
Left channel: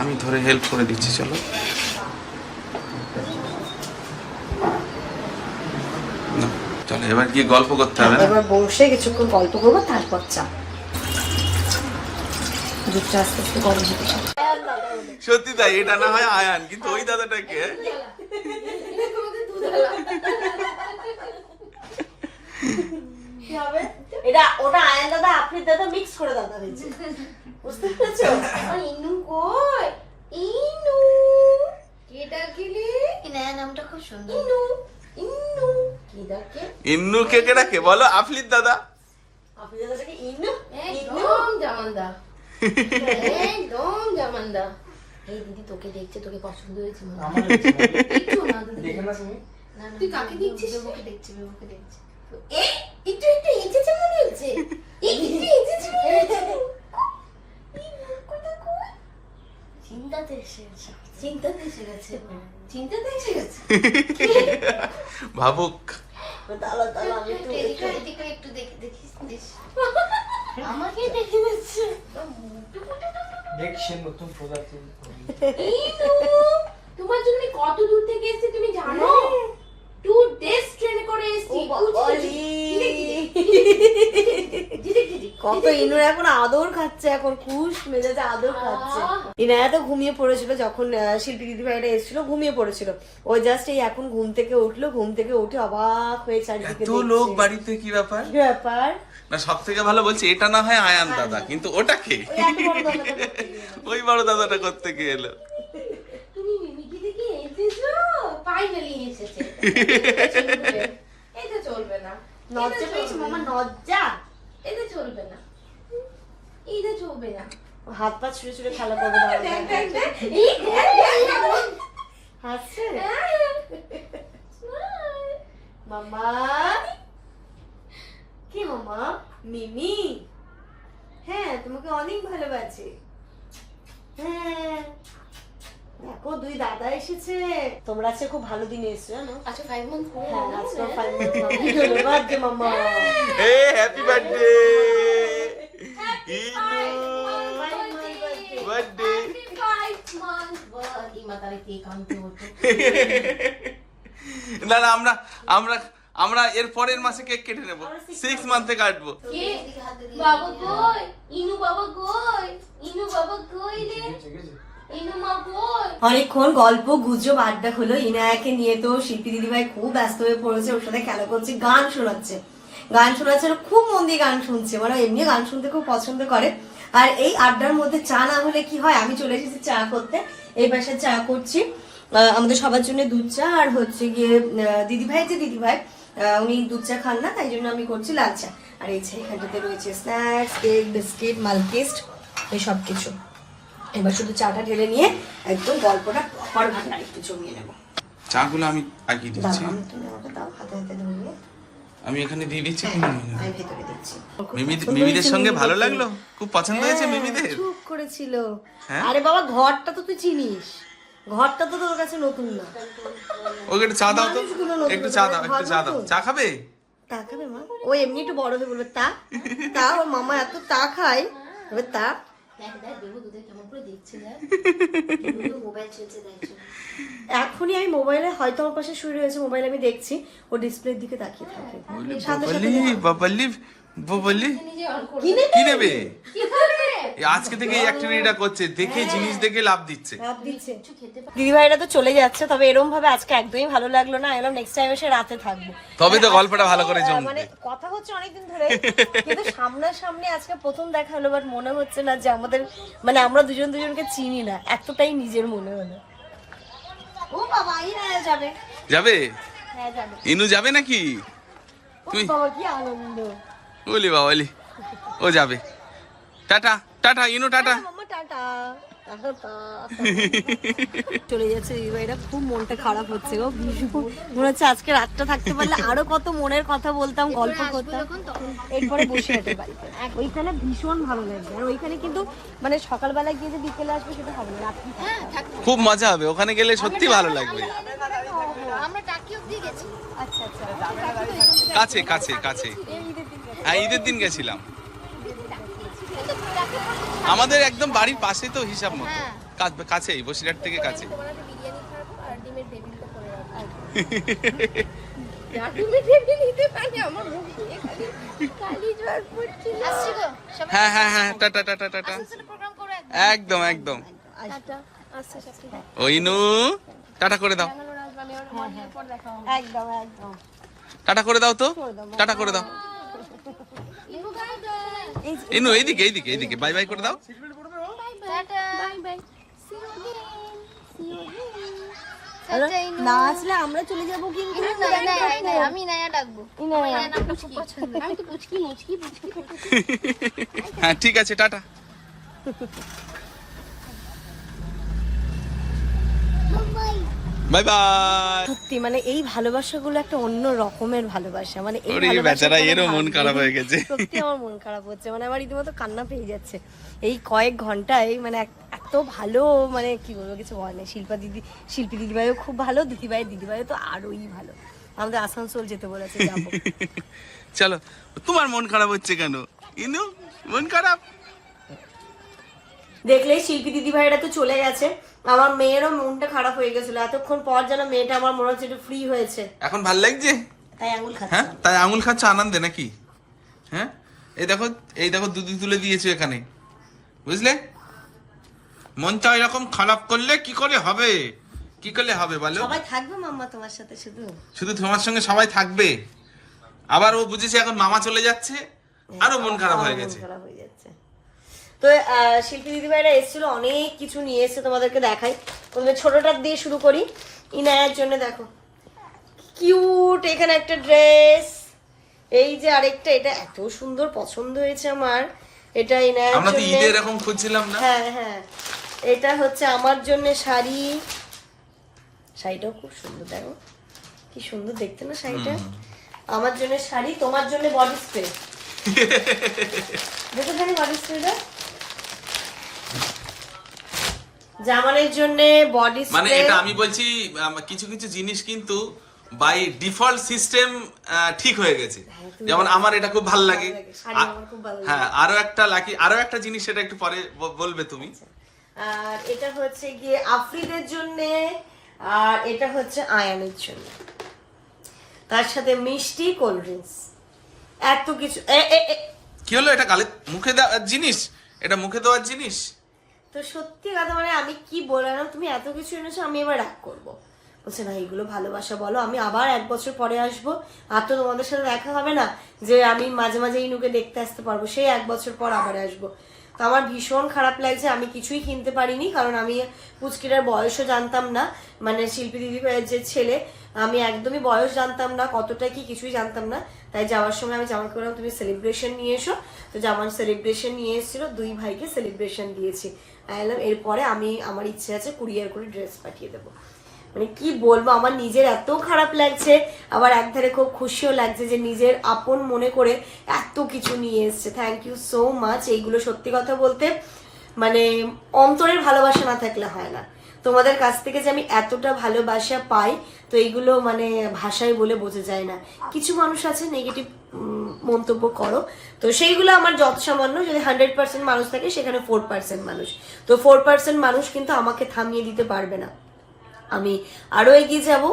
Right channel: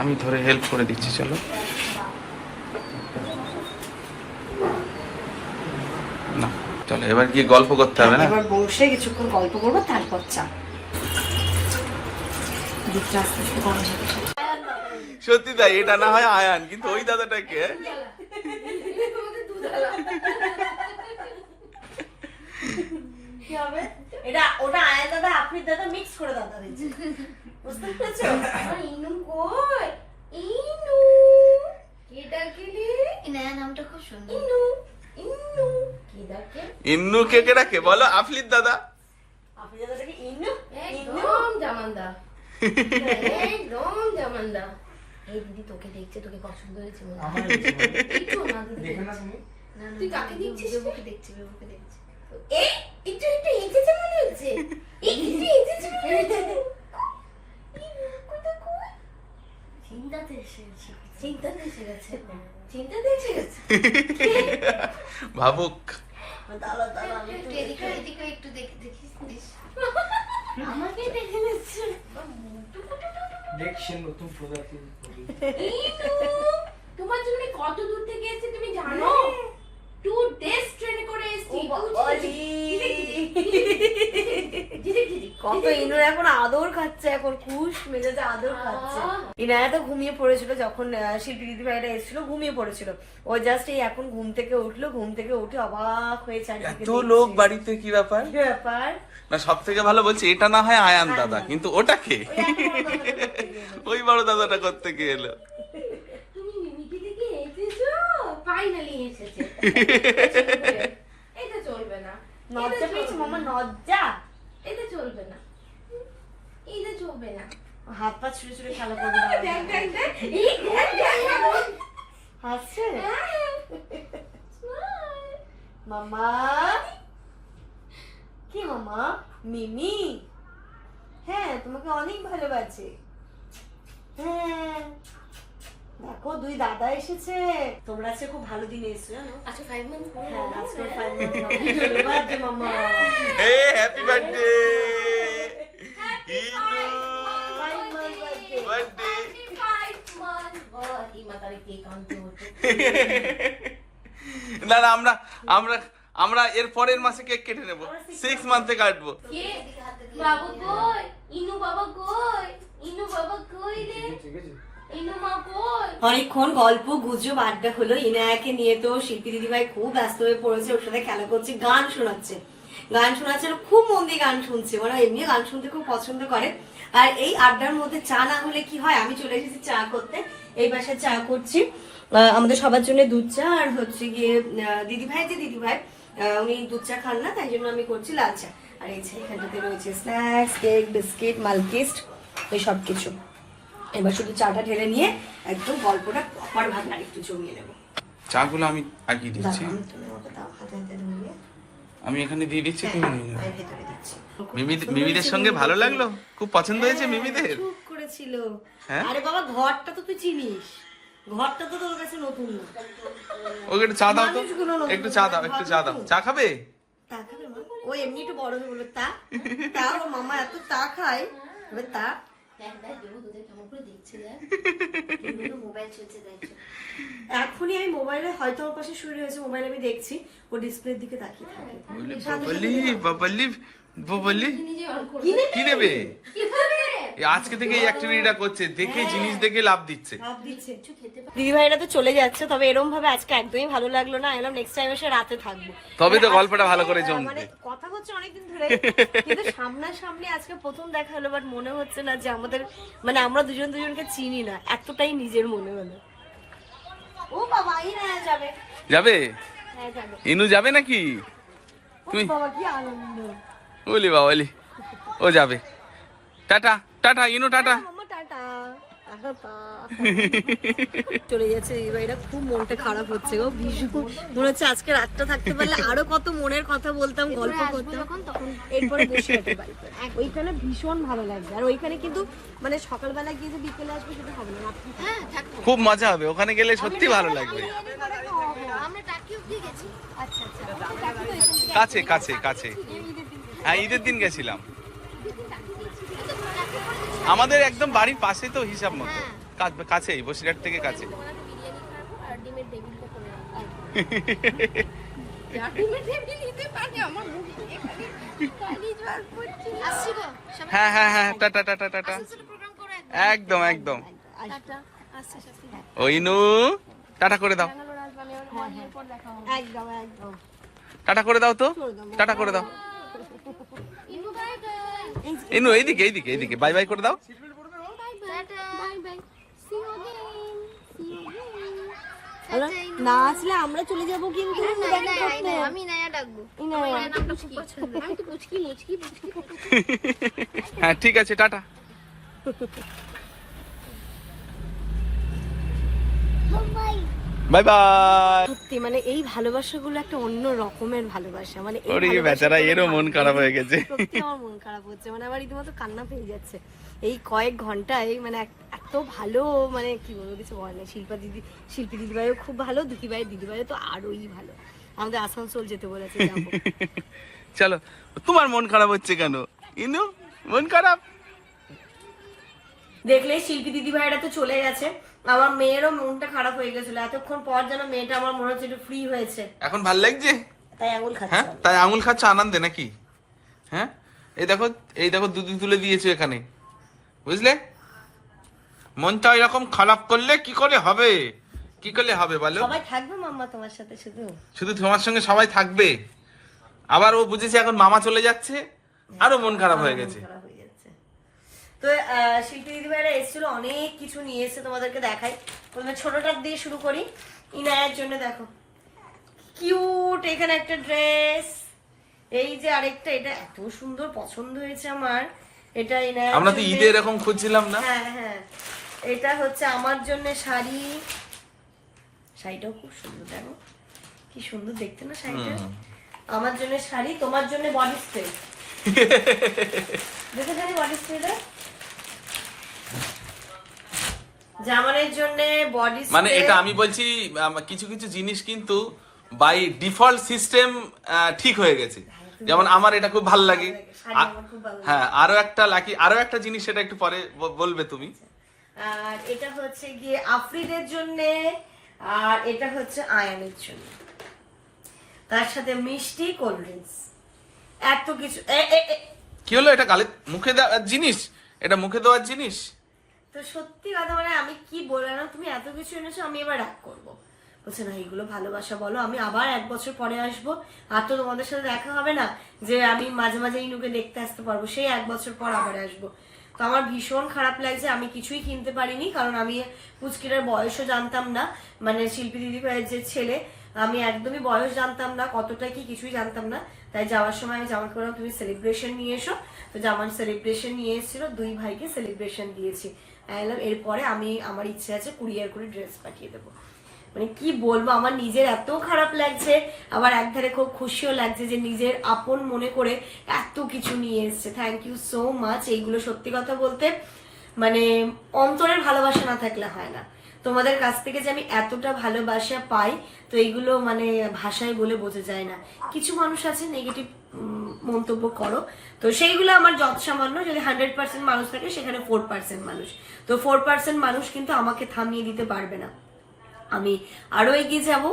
আমি ধরে হেল্প করে দিচ্ছি চলো। না চলো এবার গিয়ে গল্প করতে হবে না? এবার বসে কিছুক্ষণ গল্প করব তারপর চা। দুধটা আস্তে আস্তে গরম হতে সত্যি তাই এটা না হয় আয়ান কিন্তু ওই দাদাটাকে এটা ওটা আয়ান দাদা আপনি দাদা মিক্স করে দাদা হয়েছে বুঝতে পেরেছ? ইনু কই? ইনু। কে ডাকলি? এই নামটা খুব সুন্দর। ইনু ইনু। কি? ডাকে কে কে? রাখে বলো আফলির দাদা। দাদাটাকে ইনু ইনু? একদম জামানদা একদম জামানদা এই দিদি তোকে দেখছে তোকে পছন্দ হয়েছে মনে হয়। আমার ইচ্ছে বলো। একটু না দিদি। দেখে না তুমি। না, না, তুই কাকে দেখছিস? বিবুকে দেখছি বিবুকে দেখছি। এই একটু একটু এঁচেছে মনে হচ্ছে এই একটু এঁচেছে মনে হচ্ছে চিন্তাতে এসে গেছে। চিন্তাতে এসে গেছে। চিন্তাতে এসে গেছে। ভাবুক। আমি একটু এদিকে এদিকে একটু দেখি দেখিস দেখিস আমাকে দেখে নিচ্ছে। দেখছেন নতুন প্রোডাক্ট তোমার জন্য কত দূর থেকে এসেছি তুমি জানো? টু ডেজ ট্রেনে করে এসেছি ও কত ইনুর এখন আদর খাচ্ছে এখন খুশ মেজাজে আদর খাচ্ছে ইনায়া তো ঘুমিয়ে পড়েছিল যখন শিল্পী দিদি ভাইটা এসেছিল ঘুমিয়ে পড়েছিল ও জাস্ট এই এখন ঘুম থেকে উঠল ঘুম থেকে উঠে অবাক হয়ে চারিদিকে এত লোক বাড়িতে কি ব্যাপার কি ব্যাপার না সব থেকে ভালো বলছি এটা না হয় আয়ান দাদা কিন্তু ওটাকে ওই বড় দরজাটা করতে গিয়ে। ওই বড় দাদাটা করতে গিয়ে এলো এসেছ ফাইনালি এসেছে। এটা চলবে না। লজ্জা পেয়েছে মামা লজ্জা এটা চলবে না। চলবে না। হাত পা ছুঁড়ে খেলা করবে। হাসছে? মামা? কি মামা? মিমি? হ্যাঁ তোমাকে অনেক ভালোবাসে। হ্যাঁ। দেখো দুই দাদা এসেছে। তোমরা আজকে খুব ভালো দিন এসছো জানো? আচ্ছা ফাইভ মান্থ হ্যাঁ আজকে ফাইভ মান্থ বার্থডে মামা। এ হ্যাপি বার্থডে ইনু বার্থডে না না আমরা আমরা আমরা এর পরের মাসে কেক কেটে নেব। সিক্স মান্থে কাটবো। বাবা কই? ইনু বাবা কই? ইনু বাবা কই রে? অনেকক্ষণ গল্প, গুজব, আড্ডা হলো। ইনায়াকে নিয়ে তো শিল্পী দিদিভাই খুব ব্যস্ত হয়ে পড়েছে, ওর সাথে খেলা করছে, গান শোনাচ্ছে। গান শোনাচ্ছে খুব মন দিয়ে গান শুনছে। ওরা এমনি গান শুনতে খুব পছন্দ করে। আর এই আড্ডার মধ্যে চা না হলে কি হয়? আমি চলে এসেছি চা করতে। এই বাসায় চা করছি। আমাদের সবার জন্য দুধ চা আর হচ্ছে গিয়ে দিদিভাই যে দিদিভাই উনি দুধ চা খান না, তাই জন্য আমি করছি লাল চা। আর এই চা এখানটাতে রয়েছে স্ন্যাক্স কেক বিস্কিট মালকিস্ট এই সব কিছু এবার শুধু চাটা ঢেলে নিয়ে একদম গল্পটা প্রপার ভাবে আরেকটু জমিয়ে নেব। চাগুলো আমি আগিয়ে দিচ্ছি। আমি এখানে দিয়ে দিচ্ছি তুমি নিয়ে নাও। মিমিদের সঙ্গে ভালো লাগল? খুব পছন্দ হয়েছে হ্যাঁ, মিমিদের? খুব করেছিল। হ্যাঁ? আরে বাবা ঘরটা তো তুই চিনিস। ঘরটা তো তোর কাছে নতুন না। ওকে একটু চা দাও তো। একটু চা দাও একটু চা দাও। চা খাবে? তা খাবে মা। ও এমনি একটু বড় হয়ে বলবে তা? তা ওর মামা এত তা খায়। এবার তা এখনই আমি মোবাইলে হয়তো আমার পাশে শুরু হয়েছে মোবাইলে আমি দেখছি। ও ডিসপ্লের দিকে তাকিয়ে থাকে। কি নেবে? আজকে থেকে এই অ্যাক্টিভিটিটা করছে দেখে জিনিস দেখে লাভ দিচ্ছে। দিদি ভাইরা তো চলে যাচ্ছে তবে এরকম ভাবে আজকে একদমই ভালো লাগল না এরকম নেক্সট টাইম এসে রাতে থাকব। তবে তো মানে গল্পটা ভালো করে জমবে। মানে কথা হচ্ছে অনেকদিন ধরে কিন্তু সামনাসামনি আজকে প্রথম দেখা হলো বাট মনে হচ্ছে না যে আমাদের মানে আমরা দুজন দুজনকে চিনি না এতটাই নিজের মনে হলো। ও বাবা যাবে। যাবে? হ্যাঁ যাবে। ইনু যাবে নাকি? তুই বাবা কি আনন্দ। বলি বাবালি ও যাবে টাটা টাটা ইনু টাটা। চলে যাচ্ছে এই ভাইরা খুব মনটা খারাপ হচ্ছে গো ভীষণ মনে হচ্ছে আজকে রাতটা থাকতে পারলে আরও কত মনের কথা বলতাম গল্প করতাম এরপরে বসে ওইখানে ভীষণ ভালো লাগবে আর ওইখানে কিন্তু মানে সকালবেলা গিয়ে যে বিকেলে আসবে সেটা হবে না রাত্রি খুব মজা হবে ওখানে গেলে সত্যি ভালো লাগবে আমরা টাকি অব্দি গেছি আচ্ছা আচ্ছা কাছে কাছে কাছে এই ঈদের দিন হ্যাঁ ঈদের দিন গেছিলাম। আমাদের একদম বাড়ির পাশে তো হিসাব মতো। কা- কাছেই বসিরহাট থেকে কাছে। গো সবাই হ্যাঁ হ্যাঁ হ্যাঁ টাটা টাটা টাটা। করে একদম একদম। টাটা। আচ্ছা আচ্ছা ওই নু টাটা করে দাও। একদম একদম। টাটা করে দাও তো। টাটা করে দাও। ইনু এইদিকে এইদিকে এইদিকে। বাই বাই করে দাও। নাচলে আমরা চলে যাব কিন্তু হ্যাঁ, আমি নায়া ডাকবো। আমি তো পুচকি মুচকি হ্যাঁ ঠিক আছে টাটা। বাই সত্যি মানে এই ভালোবাসাগুলো একটা অন্য রকমের ভালোবাসা। মানে ওরে বেচারা এরও মন খারাপ হয়ে গেছে। আমার মন খারাপ হচ্ছে। মানে আমার রীতিমতো কান্না পেয়ে যাচ্ছে। এই কয়েক ঘন্টায় মানে এত ভালো মানে কি বলব কিছু হয় না শিল্পা দিদি শিল্পী দিদিভাইও খুব ভালো দিদিভাই দিদিভাইও তো আরোই ভালো। আমাদের আসানসোল যেতে বলেছে চলো তোমার মন খারাপ হচ্ছে কেন? ইনু মন খারাপ? দেখলে শিল্পী দিদিভাইরা তো চলে গেছে। আমার মেয়েরও মনটা খারাপ হয়ে গেছিল। এতক্ষণ পর যেন মেয়েটা আমার মনে হচ্ছে একটু ফ্রি হয়েছে। এখন ভালো লাগছে? তাই আঙুল খাচ্ছে। হ্যাঁ? তাই আঙুল খাচ্ছে আনন্দে নাকি? হ্যাঁ? এই দেখো এই দেখো দুধ তুলে দিয়েছ এখানে। বুঝলে? মনটা এরকম খারাপ করলে কি করে হবে? কি করলে হবে বলো? সবাই থাকবে মাম্মা তোমার সাথে শুধু? শুধু তোমার সঙ্গে সবাই থাকবে। আবার ও বুঝেছে এখন মামা চলে যাচ্ছে আরও মন খারাপ হয়ে গেছে। তো আহ, শিল্পী দিদিভাইরা এসেছিল অনেক কিছু নিয়ে এসেছে তোমাদেরকে দেখাই। তোমাদের ছোটটার দিয়ে শুরু করি। ইনায়ের জন্য দেখো। কিউট এখানে একটা ড্রেস এই যে আরেকটা এটা এত সুন্দর পছন্দ হয়েছে আমার। এটা ইনায়ের আমরা তো জন্যে- ঈদে এরকম খুঁজছিলাম না? হ্যাঁ হ্যাঁ। এটা হচ্ছে আমার জন্য শাড়ি। শাড়িটাও খুব সুন্দর দেখো। কি সুন্দর দেখতে না শাড়িটা? আমার জন্য শাড়ি তোমার জন্য বডি স্প্রে দেখে জানি বডি স্প্রেটা জামানের জন্য বডি মানে এটা আমি বলছি কিছু কিছু জিনিস কিন্তু বাই ডিফল্ট সিস্টেম ঠিক হয়ে গেছে। যেমন আমার এটা খুব ভালো লাগে। হ্যাঁ আরও একটা লাকি আরও একটা জিনিস সেটা একটু পরে বলবে তুমি। আর এটা হচ্ছে গিয়ে আফ্রিদের জন্য আর এটা হচ্ছে আয়ানের জন্য। তার সাথে মিষ্টি কোল্ড ড্রিঙ্কস এত কিছু। কি হলো এটা গালে মুখে দেওয়ার জিনিস? এটা মুখে দেওয়ার জিনিস? তো সত্যি কথা মানে আমি কি বললাম তুমি এত কিছু এনেছো, আমি এবার রাগ করব। বলছে, না, এগুলো ভালোবাসা, বলো। আমি আবার এক বছর পরে আসব। আর তো তোমাদের সাথে দেখা হবে না যে আমি মাঝে মাঝে ইনুকে দেখতে আসতে পারব। সেই এক বছর পর আবার আসব। তো আমার ভীষণ খারাপ লাগছে। আমি কিছুই কিনতে পারিনি, কারণ আমি পুচকিটার বয়সও জানতাম না। মানে শিল্পী দিদি ভাইয়ের যে ছেলে, আমি একদমই বয়স জানতাম না, কতটা কি কিছুই জানতাম না। তাই যাওয়ার সময় আমি জামাকে বললাম তুমি সেলিব্রেশন নিয়ে এসো। তো জামার সেলিব্রেশন নিয়ে এসেছিল, দুই ভাইকে সেলিব্রেশন দিয়েছি। বললাম এরপরে আমি আমার ইচ্ছে আছে কুরিয়ার করে ড্রেস পাঠিয়ে দেবো। মানে কি বলব, আমার নিজের এত খারাপ লাগছে, আবার একধারে খুব খুশিও লাগছে যে নিজের আপন মনে করে এত কিছু নিয়ে এসছে। থ্যাংক ইউ সো মাচ এইগুলো সত্যি কথা বলতে মানে অন্তরের ভালোবাসা না থাকলে হয় না। তোমাদের কাছ থেকে যে আমি এতটা ভালোবাসা পাই, তো এইগুলো মানে ভাষায় বলে বোঝা যায় না। কিছু মানুষ আছে নেগেটিভ মন্তব্য করো। তো সেইগুলো আমার যত সামান্য যদি হান্ড্রেড পার্সেন্ট মানুষ থাকে, সেখানে ফোর পার্সেন্ট মানুষ। তো ফোর পার্সেন্ট মানুষ কিন্তু আমাকে থামিয়ে দিতে পারবে না। আমি আরও এগিয়ে যাব।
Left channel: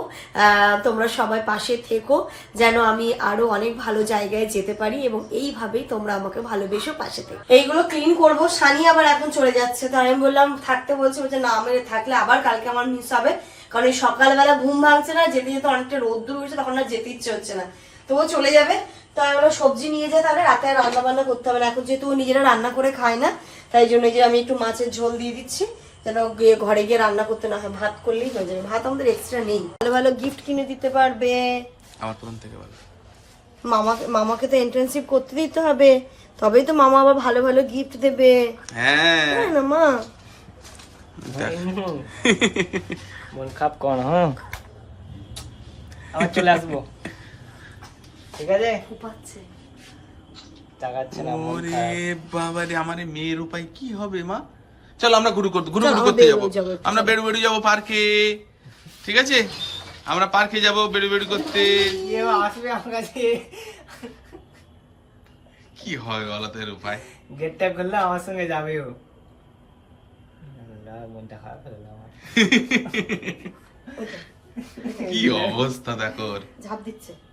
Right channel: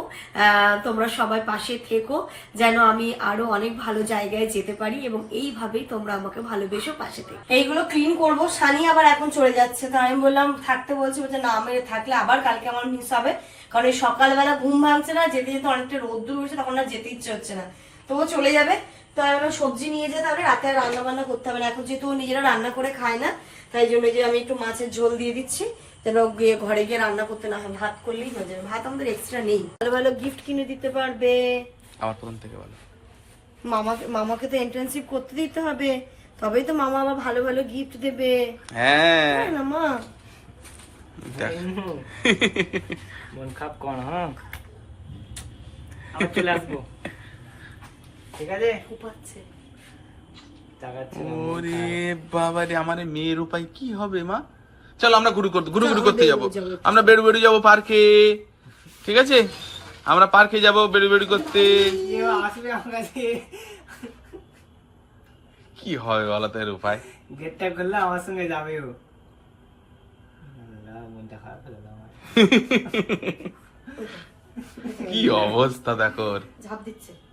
তোমরা সবাই পাশে থেকো, যেন আমি আরও অনেক ভালো জায়গায় যেতে পারি এবং এইভাবেই তোমরা আমাকে ভালোবেসো পাশে থেকে। এইগুলো ক্লিন করব। সানি আবার এখন চলে যাচ্ছে। তো আমি বললাম, থাকতে বলছি বলছে, না মেরে থাকলে আবার কালকে আমার মিস হবে। কারণ এই সকালবেলা ঘুম ভাঙছে না, যেতে যেতে অনেকটা রোদ্দুর হয়েছে তখন আর যেতে ইচ্ছে হচ্ছে না। তো চলে যাবে। তো আমরা সবজি নিয়ে যায় তাহলে রাতে আর রান্না বান্না করতে হবে না। এখন যেহেতু নিজেরা রান্না করে খায় না তাই জন্য যে আমি একটু মাছের ঝোল দিয়ে দিচ্ছি যেন গিয়ে ঘরে গিয়ে রান্না করতে না হয়। ভাত করলেই হয়ে যাবে। ভাত আমাদের এক্সট্রা নেই। ভালো ভালো গিফট কিনে দিতে পারবে। আমার প্রথম থেকে বলো মামাকে মামাকে তো এন্ট্রান্সিপ করতে দিতে হবে। তবেই তো মামা আবার ভালো ভালো গিফট দেবে। হ্যাঁ। তাই না মা। মন খাপ কর হ্যাঁ। চলে আসব। ঠিক আছে? ফুপাচ্ছে। ওরে বাবা রে আমার মেয়ের উপায় কি হবে মা? চলো আমরা ঘুরু করতে ঘুরু ঘুরু করতে যাব। আমরা বেড়ু বেড়ু যাব পার্কে। ঠিক আছে? আমরা পার্কে যাব বেড়ু বেড়ু করতে। কি হবে বলো তো এর উপায়? গেট টাইপ করলে আমার সঙ্গে যাবে ও। মনটা খারাপ আমার। কি অবস্থা দেখো। ঝাঁপ দিচ্ছে।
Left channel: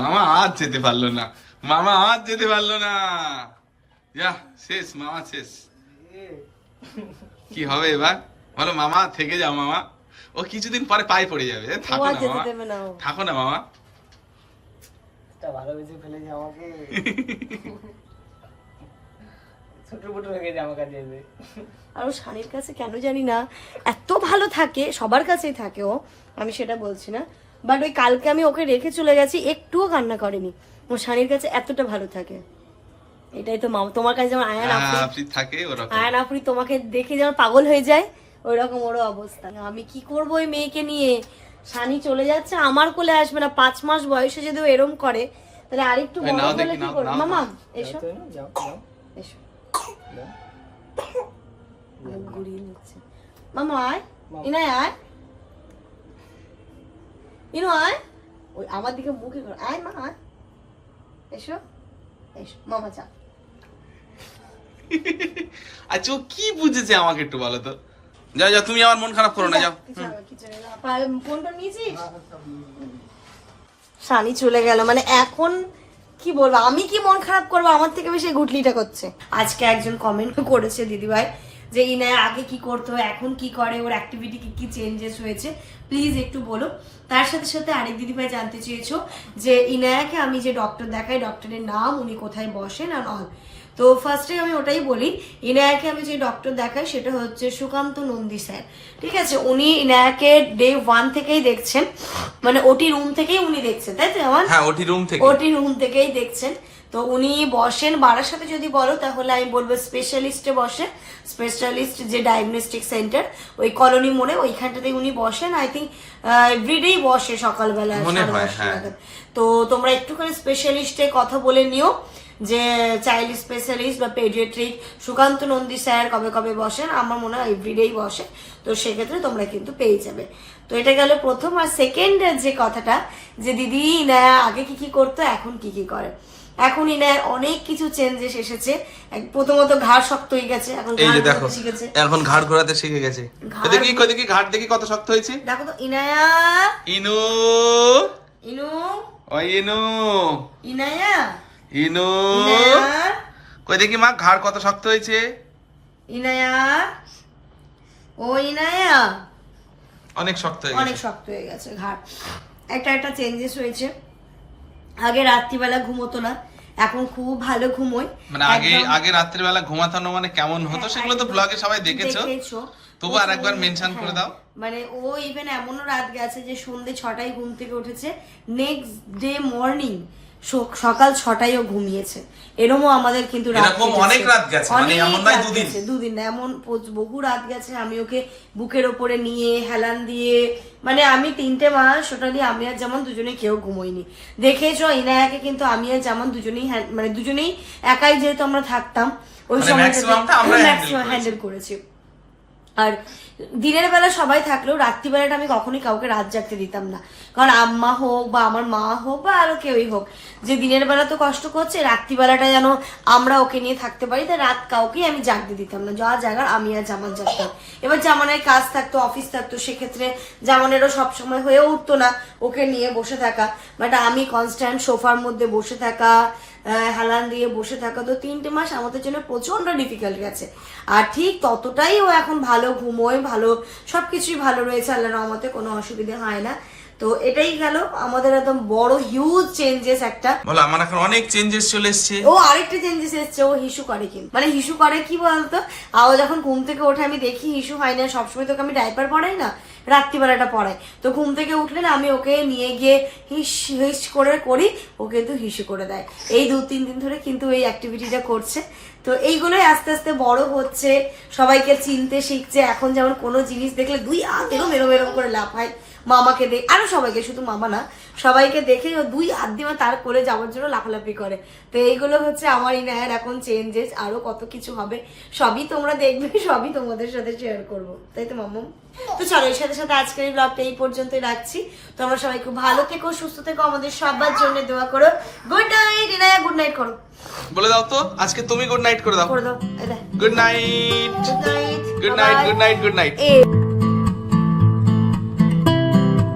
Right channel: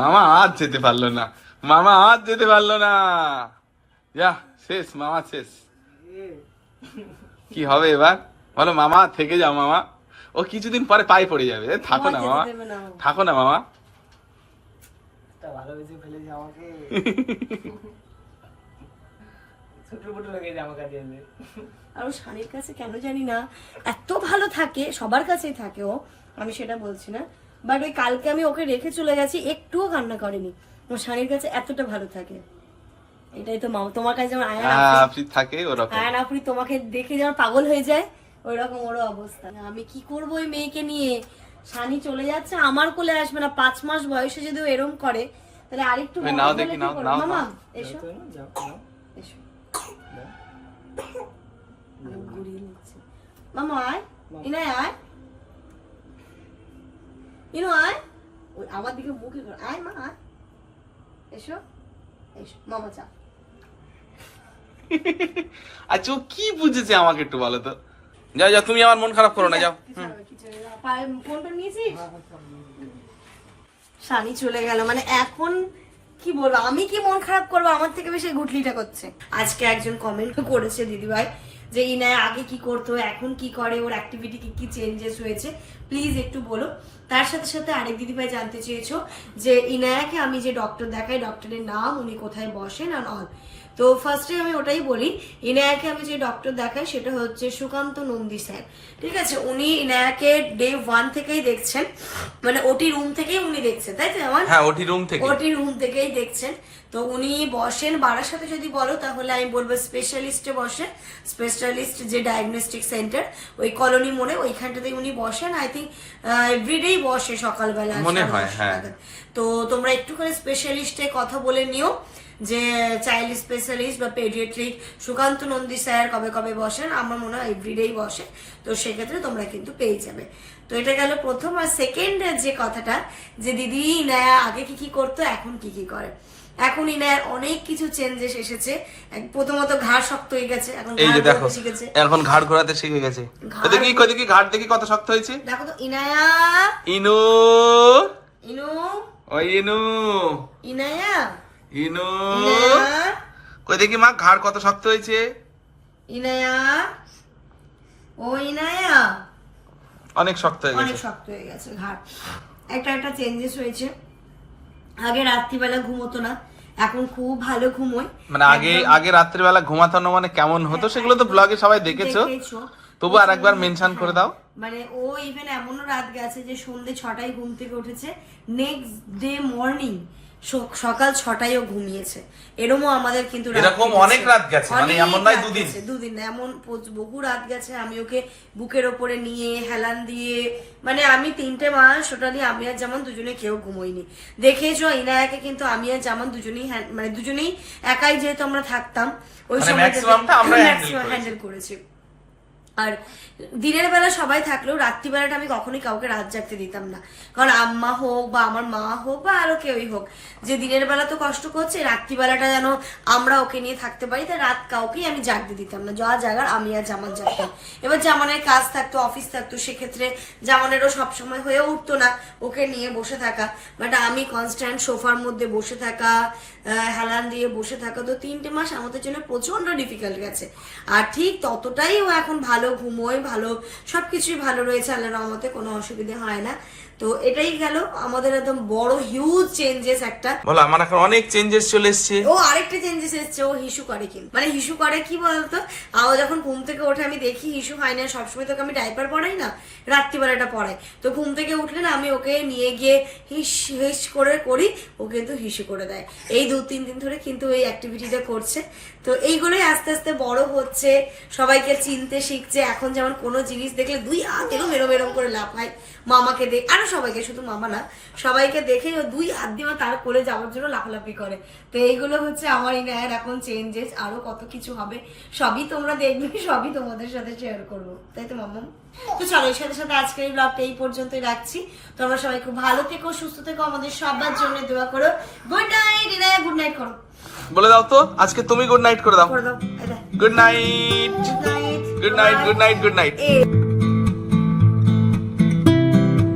মামা আজ যেতে পারল না। মামা আজ যেতে পারল না। যা শেষ মামা শেষ। কি হবে এবার? বলো মামা থেকে যাও মামা। ও কিছুদিন পরে পায়ে পড়ে যাবে। থাকো না মামা। থাকো না মামা। আর ও শানির কাছে কেন জানি না এত ভালো থাকে সবার কাছেই থাকে ও আমি সেটা বলছি না। বাট ওই কালকে আমি ওকে রেখে চলে গেছি একটুও কান্না করেনি। ও শানির কাছে এতটা ভালো থাকে। এটাই তো মামা তোমার কাছে যেমন আয়ান হ্যাঁ, আফরি- থাকে ওরকম। আয়ান আফরি তোমাকে দেখে যেমন পাগল হয়ে যায় ওই রকম ওরও অবস্থা। আমি কি করব ওই মেয়েকে নিয়ে? শানি চলে যাচ্ছে আমার কোলে আসবে না পাঁচ মাস বয়সে যদি ও এরম করে তাহলে আরেকটু নাও দেখি, নাও, নাও, মামা এসো। এসো। নিচ্ছে। মামা আয়। ইনায় আয়। ইনো আয় ওই আমার দিকে মুখে কর আয় মা আয়। এসো এসো। মামা চা। আচ্ছা ও কি বুঝেছে আমাকে একটু বলো তো? যাও যাও তুমি আমার মন খারাপ করো না যাও। ফোনটা নিয়েছিস? শানি চলে গেল। মানে এখন কি বলব আমি কি মন খারাপ করব আমার থেকে বেশি গুটলিটা করছে। আজকে একজন কমেন্ট করেছে দিদিভাই। যে ইনায় আগে কি করতো, এখন কি করে, ওর অ্যাক্টিভিটি কি কি চেঞ্জেস হয়েছে প্লিজ একটু বলো। তার সাথে সাথে আরেক দিদিভাই জানতে চেয়েছো যে ইনায়াকে আমি যে ডক্টর দেখাই ডক্টরের নাম, উনি কোথায় বসেন আর অল তো ফার্স্টে আমি ওটাই বলি ইনায়াকে আমি যে ডক্টর দেখাই সেটা হচ্ছে সুকান্ত নন্দী স্যার ঠিক আছে? উনি ইনায়াকে ডে ওয়ান থেকেই দেখছেন। মানে ওটি রুম থেকেই উনি দেখছেন তাই তো আমার হ্যাঁ ওটি রুম থেকে ওটি রুম থেকেই দেখছেন। তো উনি বসেন বারার সাথে যদি বলো তাহলে আমি বলব স্পেশালিস্টে বসে স্পেশালিস্ট যে ডায়াগনস্টিক সেন্টার ওই কলোনি মোড়ে ওইখানটাতে উনি বসেন। আই থিঙ্ক এভরিডেই বসে সকালবেলা। মনে হয়, হ্যাঁ। তো তোমরা একটু করে স্পেশালিস্টে কথা বলে নিও। যে চাইল্ড স্পেশালিস্ট বা পেডিয়াট্রিক সুকান্ত নন্দী স্যার কবে কবে বসেন আমার মনে হয় এভরিডেই বসে। তো সেক্ষেত্রে তোমরা কিন্তু পেয়ে যাবে। তো এটা গেল প্রথম আর সেকেন্ড যে কথাটা যে দিদি না আগে কি কি করতো এখন কি কি করে। এখন ইনার অনেক কিছু চেঞ্জেস এসেছে। প্রথমত ঘাড় শক্ত হয়ে গেছে এখন এই যে দেখো শিখেছে। এখন ঘাড় ঘোরাতে শিখে গেছে। দেখি দেখি ঘাড় দেখি কত শক্ত হয়েছে। দেখো তো ইনায়া। ইনু। ইনু। ওই ইনু। ইনায়া। ইনু। কই দেখি মা ঘাড় কত শক্ত হয়েছে? ইনায়া ও ইনায়া। অনেক শক্ত হয়ে গেছে। অনেক শক্ত হয়ে গেছে ঘাড়। একটা একটা চেঞ্জেস হয়েছে। আগে রাত্রিবেলা ঘুমোতো না এখন খুব ভালো ঘুমোয় মানে আগে আগে রাত্রিবেলা ঘুমাতানো মানে কেমন হতো? সেগুলো তো ব্লগে সবাই দেখেছ। দেখেছ। তবু আর একবার মেনশন করে দাও। মানে ও ইভেন এমনও রাত গেছে যে সন্ধে ছটায় ঘুম থেকে উঠেছে। নেক্সট ডে মর্নিং সকাল ছটায় ও ঘুমিয়েছে এরমও আমাদের কিন্তু এরকম অনেক রাত গেছে, মানে এমন রাত দুদিন। দুদিন না, এমন বহু রাত গেছে আমি ওকে বুকের ওপরে নিয়ে হেলান দিয়ে মানে আমি তিনটে মাস ওটা দিয়ে আমি আর যেমন দুজনে কেউ ঘুমোইনি দেখেছ ইনায়াকে কিন্তু আমি আর যেমন দুজনেই মানে দুজনেই একাই যেহেতু আমরা থাকতাম ওই মানে আমরাই handle maximum করেছি। আর দিনের বেলা সবাই থাকলেও রাত্রিবেলাটা আমি কখনোই কাউকে রাত জাগতে দিতাম না। কারণ আম্মা হোক বা আমার মা হোক বা আরও কেউই হোক, যে দিনের বেলা তো কষ্ট করছে, রাত্রিবেলাটা যেন আমরা ওকে নিয়ে থাকতে পারি, তাই রাত কাউকেই আমি জাগতে দিতাম না। যা জাগার আমি আর জামান জাগতাম। এবার জামানের কাজ থাকতো অফিস থাকতো, সেক্ষেত্রে জামানেরও সবসময় হয়ে উঠতো না ওকে নিয়ে বসে থাকা। বাট আমি কনস্ট্যান্ট সোফার মধ্যে বসে থাকা হেলান দিয়ে বসে থাকা তো তিনটে মাস আমাদের জন্য প্রচণ্ড ডিফিকাল্ট গেছে। আর ঠিক ততটাই ও এখন ভালো ঘুমোয়, ভালো সবকিছুই ভালো রয়েছে, আল্লাহ রহমতে কোনো অসুবিধে হয় না। তো এটাই গেল আমাদের একদম বড় হিউজ চেঞ্জেস একটা। বলো আমার এখন অনেক চেঞ্জেস চলে এসছে। ও আরেকটা চেঞ্জেস এসছে ও হিসু করে কি মানে হিসু করে কি বলতো? আও যখন ঘুম থেকে ওঠে আমি দেখি হিসু হয় না সবসময় তোকে আমি ডাইপার পরাই না? রাত্রিবেলাটা পড়াই তো ঘুম থেকে উঠলে না আমি ওকে নিয়ে গিয়ে হিস হিস করে করি ও কিন্তু হিসু করে দেয়। এই দু তিন দিন ধরে কিন্তু এই অ্যাক্টিভিটিটা করছে। তো এইগুলোই আস্তে আস্তে বড় হচ্ছে। সবাইকে চিনতে শিখছে। এখন যেমন কোনো জিনিস দেখলে দুই হাত এরম এরম এরম করে লাফায়। মামাকে দেখ আরও সবাইকে, শুধু মামা না, সবাইকে দেখে দুই হাত দিয়ে তার করে যাওয়ার জন্য লাফালাফি করে। তো এইগুলো হচ্ছে আমার ইনায়ের এখন চেঞ্জেস আরও কত কিছু হবে, সবই তোমরা দেখবে, সবই তোমাদের সাথে শেয়ার করব। তাই তো, মাম্মা? তো চলো, এর সাথে সাথে আজকের এই ব্লগটা এই পর্যন্তই রাখছি। তোমরা সবাই খুব ভালো থেকো, সুস্থ থেকো, আমাদের সবার জন্য দোয়া করো। Good night Inaya good night করো। বলে দাও তো আজকে তুমি গুড নাইট করে দাও। Good night good night good night good night good night এ